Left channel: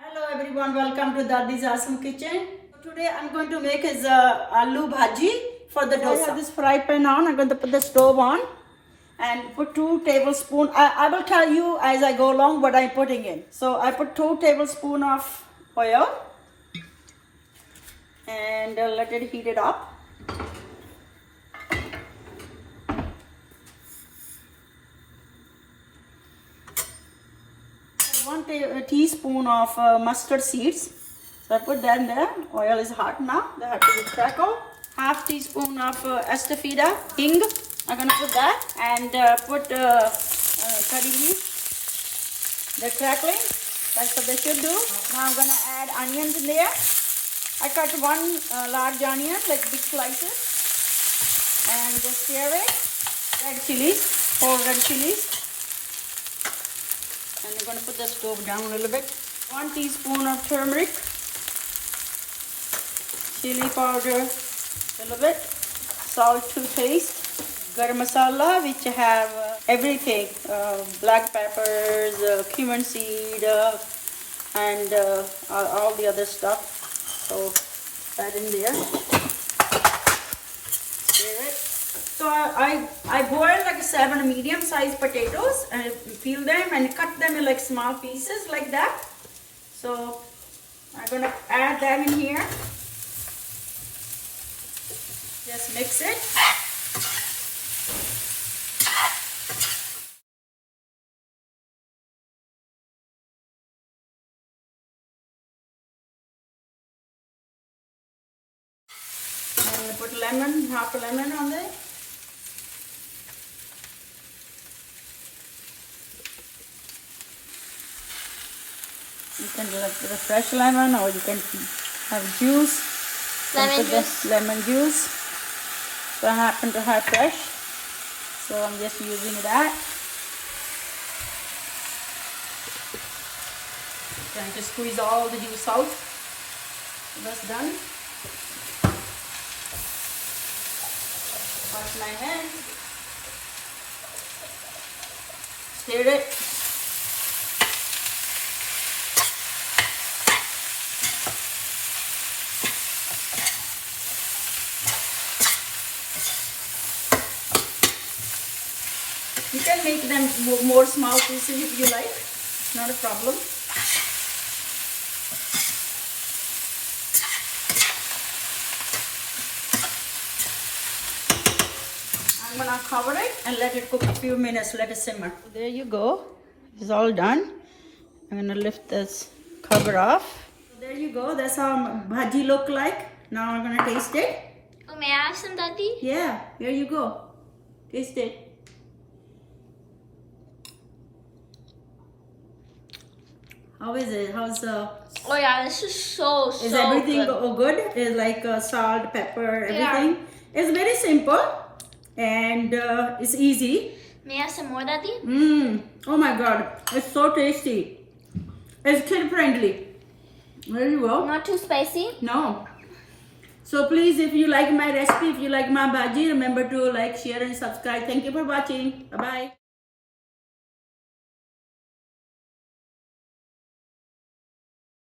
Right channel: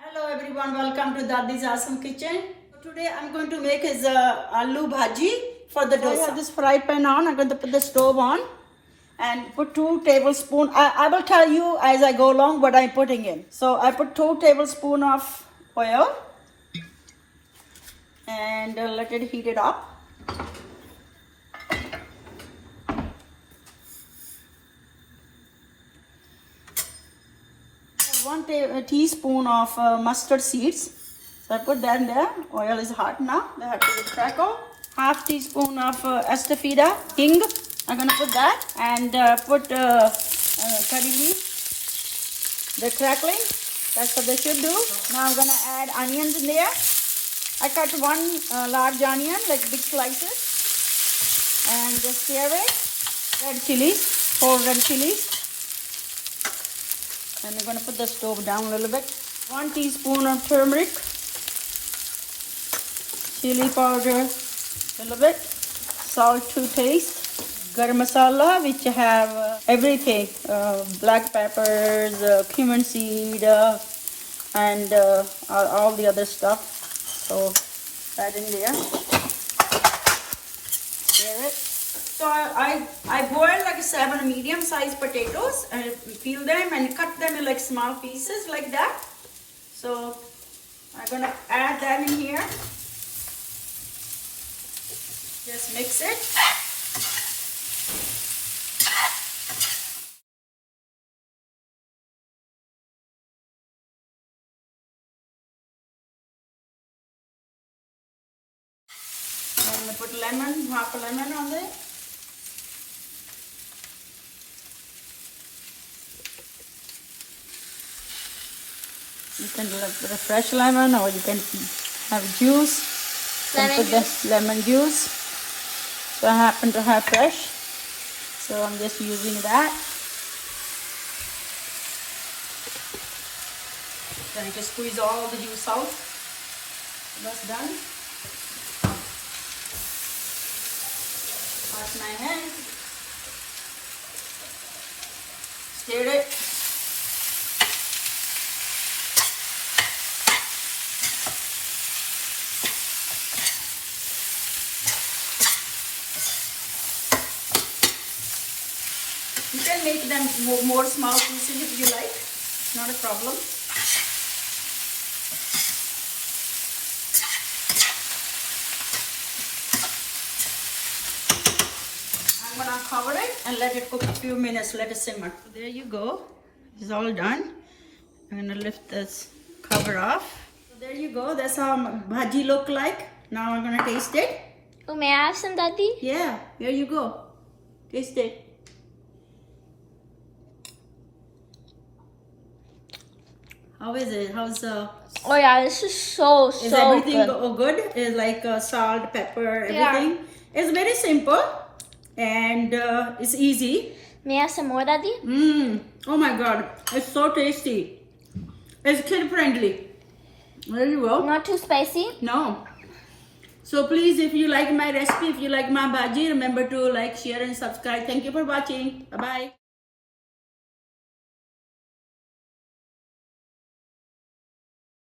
Hello everyone, welcome to Dadi's Awesome Kitchen. Today I'm going to make is aloo bhaji for the dosa. I have this fry pan on. I'm going to put the stove on and put 2 tablespoons. I will tell you as I go along what I'm putting in. So I put 2 tablespoons of oil and let it heat it up. 1 teaspoon of mustard seeds. So I put that in there. Oil is hot now. They have to crackle. Half teaspoon of estafida, hing. I'm going to put that and put curry leaves. They're crackling. That's what they should do. Now I'm going to add onions in there. I cut 1 large onion, like big slices, and just stir it. Red chilies, 4 red chilies. And we're going to put the stove down a little bit. 1 teaspoon of turmeric, chili powder, a little bit, salt to taste, garam masala, which have everything, black peppers, cumin seed, and all the other stuff. So add in there. Stir it. So I boil like 7 medium-sized potatoes. I peel them and cut them in like small pieces like that. So I'm gonna add that in here. Just mix it. I'm gonna put lemon, half a lemon on there. You can put a fresh lemon or you can have juice. Lemon juice. So I happen to have fresh. So I'm just using that. Trying to squeeze all the juice out. So that's done. Wash my hand. Stir it. You can make them more small pieces if you like. It's not a problem. I'm gonna cover it and let it cook a few minutes. Let it simmer. There you go. It's all done. I'm gonna lift this cover off. So there you go. That's how bhaji look like. Now I'm gonna taste it. Oh, may I have some, Daddy? Yeah. Here you go. Taste it. How is it? How's Oh yeah, this is so Is everything good. good? Is like salt, pepper, everything? Yeah. It's very simple and it's easy. May I have some more, Daddy? Oh my God, it's so tasty. It's kid friendly. There you go. Not too spicy? No. So please, if you like my recipe, if you like my bhaji, remember to like, share and subscribe. Thank you for watching. Bye bye.